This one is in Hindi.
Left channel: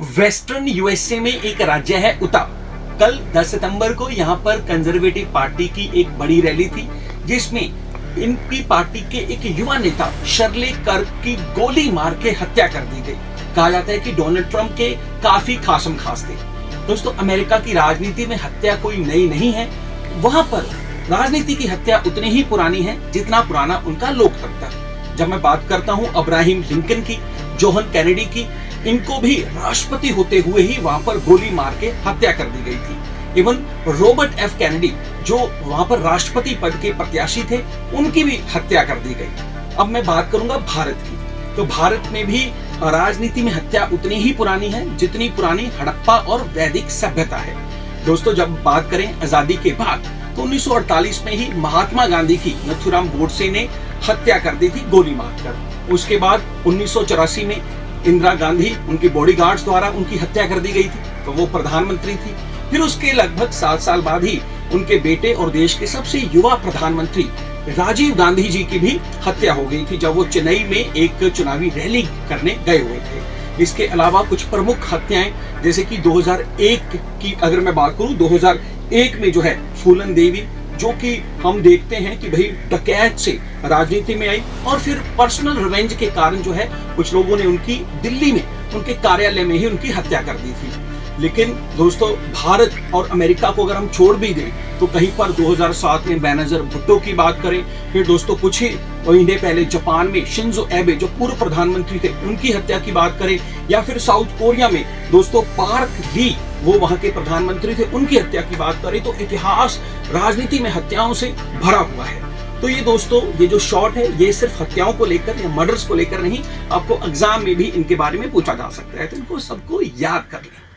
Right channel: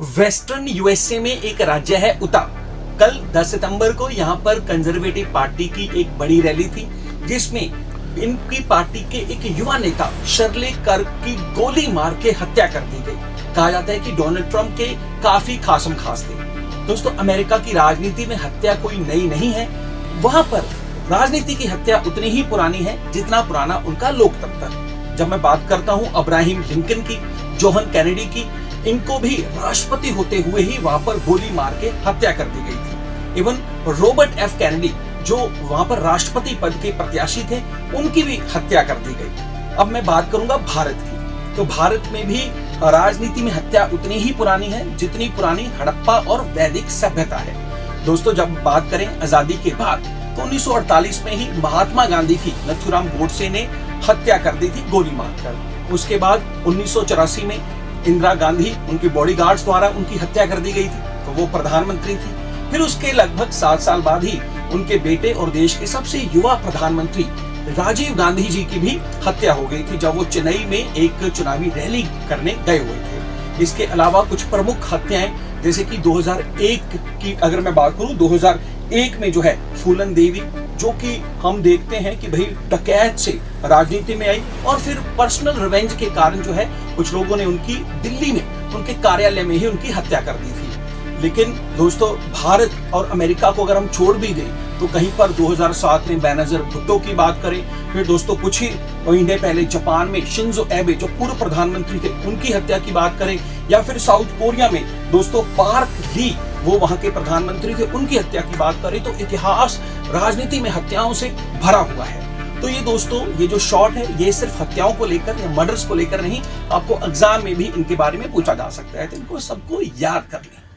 वेस्टर्न यूएसए में एक राज्य है उता। कल 10 सितंबर को यहाँ पर कंजर्वेटिव पार्टी की एक बड़ी रैली थी, जिसमें इनकी पार्टी के एक युवा नेता शर्ले कर्क की गोली मार के हत्या कर दी गई। कहा जाता है कि डोनाल्ड ट्रंप के काफी खासम खास थे। दोस्तों, अमेरिका की राजनीति में हत्या कोई नई नहीं है। वहां पर राजनीति की हत्या उतनी ही पुरानी है जितना पुराना उनका लोकतंत्र। जब मैं बात करता हूं अब्राहम लिंकन की, जोहन कैनेडी की, इनको भी राष्ट्रपति होते हुए ही वहां पर गोली मार के हत्या कर दी गई थी। इवन रॉबर्ट एफ कैनेडी, जो वहां पर राष्ट्रपति पद के प्रत्याशी थे, उनकी भी हत्या कर दी गई। अब मैं बात करूंगा भारत की, तो भारत में भी राजनीति में हत्या उतनी ही पुरानी है जितनी पुरानी हड़प्पा और वैदिक सभ्यता है। दोस्तों, जब बात करें आजादी के बाद, तो 1948 में ही महात्मा गांधी की नथुराम गोडसे ने हत्या कर दी थी गोली मारकर। उसके बाद 1984 में इंदिरा गांधी, उनके बॉडीगार्ड्स द्वारा उनकी हत्या कर दी गई थी, तो वो प्रधानमंत्री थी। फिर उसके लगभग 7 साल बाद ही उनके बेटे और देश के सबसे युवा प्रधानमंत्री राजीव गांधी जी की भी हत्या हो गई थी, जब वो चेन्नई में एक चुनावी रैली करने गए हुए थे। इसके अलावा कुछ प्रमुख हत्याएं, जैसे कि 2001 की अगर मैं बात करूं, 2001 में जो है फूलन देवी, जो कि हम देखते हैं कि भाई डकैत से राजनीति में आई और फिर पर्सनल रिवेंज के कारण जो है कुछ लोगों ने उनकी दिल्ली में उनके कार्यालय में ही उनकी हत्या कर दी थी। लेकिन दोस्तों, भारत और अमेरिका को अगर हम छोड़ भी दें तो कहीं पर 2007 में बेनजीर भुट्टो की बात करें, फिर दोस्तों कुछ ही महीने पहले जापान में शिंजो एबे, जो पूर्व प्रधानमंत्री थे, उनकी हत्या की बात करें, या फिर साउथ कोरिया में दोस्तों पार्क ली, वो वहां के प्रधानमंत्री थे, उनकी हत्या की बात करें, तो इतिहास राजनीति में हत्याओं से भरा हुआ है। तो ये दोस्तों, ये जो शॉर्ट है, ये सिर्फ हत्याओं को लेकर या मर्डर्स को लेकर नहीं, आपको एग्जाम में भी इनके बारे में पूछा जा सकता है, तो इनको सबको याद कर लें।